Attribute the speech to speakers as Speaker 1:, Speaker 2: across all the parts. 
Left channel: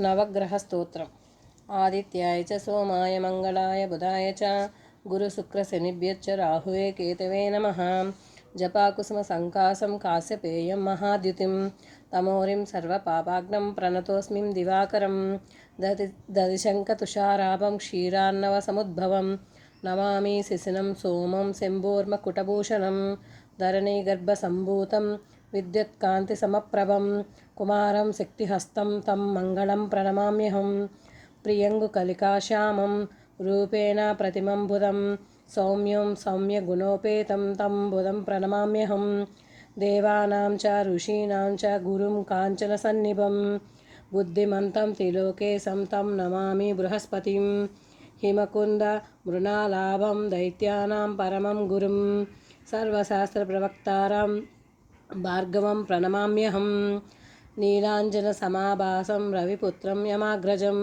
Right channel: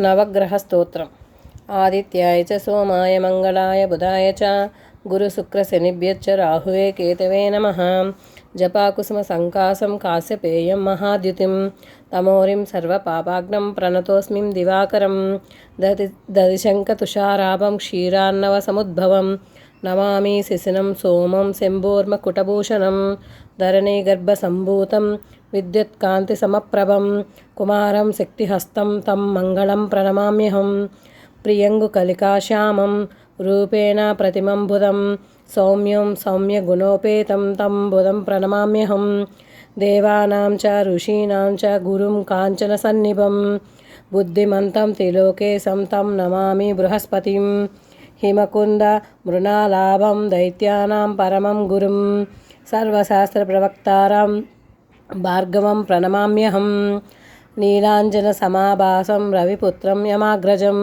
Speaker 1: నవగ్రహ స్తోత్రం ఆదిత్యాయ చ సోమాయ మంగళాయ బుధాయ చ గురుశుక్రశనిభ్యచ్చ రాహువే కేతవే నమ జపాకుసుమ సంకాసం కాశ్యపేయం మహాద్యుతిం తమోరిం సర్వపాపాగ్నం ప్రణతోస్మిం దివాకరం దది దదిశంకతుషారాభం క్షీరాన్నవ సముద్భవం నమామి శిశినం సోమం శంభోర్మకుటభూషణం విద్యుత్కాంతి సమప్రభం కుమారం శక్తిహస్తం తం మంగళం ప్రణమామ్యహం ప్రియంగు కలికాశ్యామం రూపేణ ప్రతిమంబుధం సౌమ్యం సౌమ్యగుణోపేతం తం బుధం ప్రణమామ్యహం దేవానాం చ ఋషీణాం చ గురుం కాంచన సన్నిభం బుద్ధిమంతం త్రిలోకేశం తం నమామి బృహస్పతిం హిమకుంద మృణాలాభం దైత్యానాం పరమం గురుం సర్వశాస్త్రప్రవక్తారం భార్గవం ప్రణమామ్యహం నీలాంజన సమాభాసం రవిపుత్రం యమాగ్రజం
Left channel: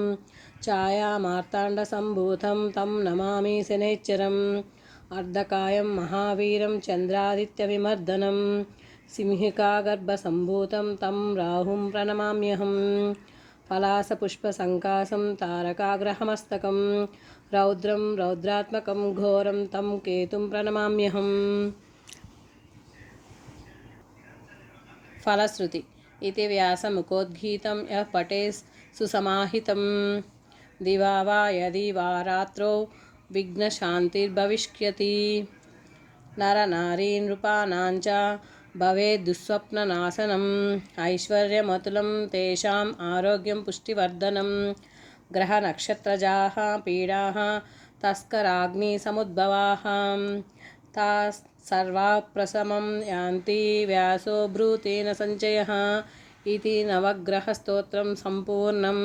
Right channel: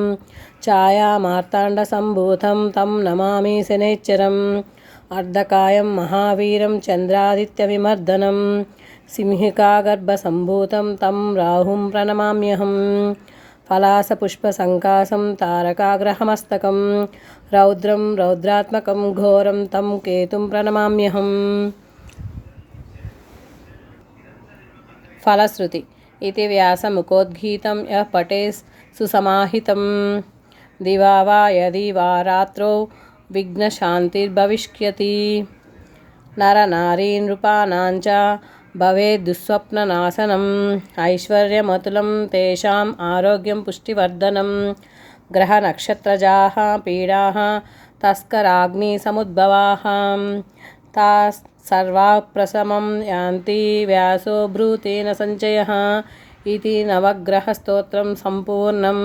Speaker 1: ఛాయామార్తాండసంభూతం తం నమామి శనేచ్చరం అర్ధకాయం మహావీరం చంద్రాదిత్యవిమర్దనం సింహికాగర్భసంభూతం తం రాహుం ప్రణమామ్యహం పలాసపుష్పసంకాసం తారకాగ్రహమస్తకం రౌద్రం రౌద్రాత్మకం ఘోరం తం కేతుం ప్రణమామ్యహం ఫలశ్రుతి ఇది వ్యాసముఖోద్గీతం యః పటే సుసమాహితం దివా వా యది వా రాత్రో విఘ్నశాంతిర్భవిష్యతి నరనారీ నృపానాంచ భవేద్దుస్వప్ననాశనం ఐశ్వర్యమతులం తేషాం ఆరోగ్యం పుష్టివర్ధనం గ్రహనక్షత్రజాः పీడాः తస్కరాగ్నిసముద్భవాः తా సర్వాప్రశమం యాంతి వ్యాసో భ్రూతేన సంచయ ఇది నవగ్రహస్తోత్రం సంపూర్ణం.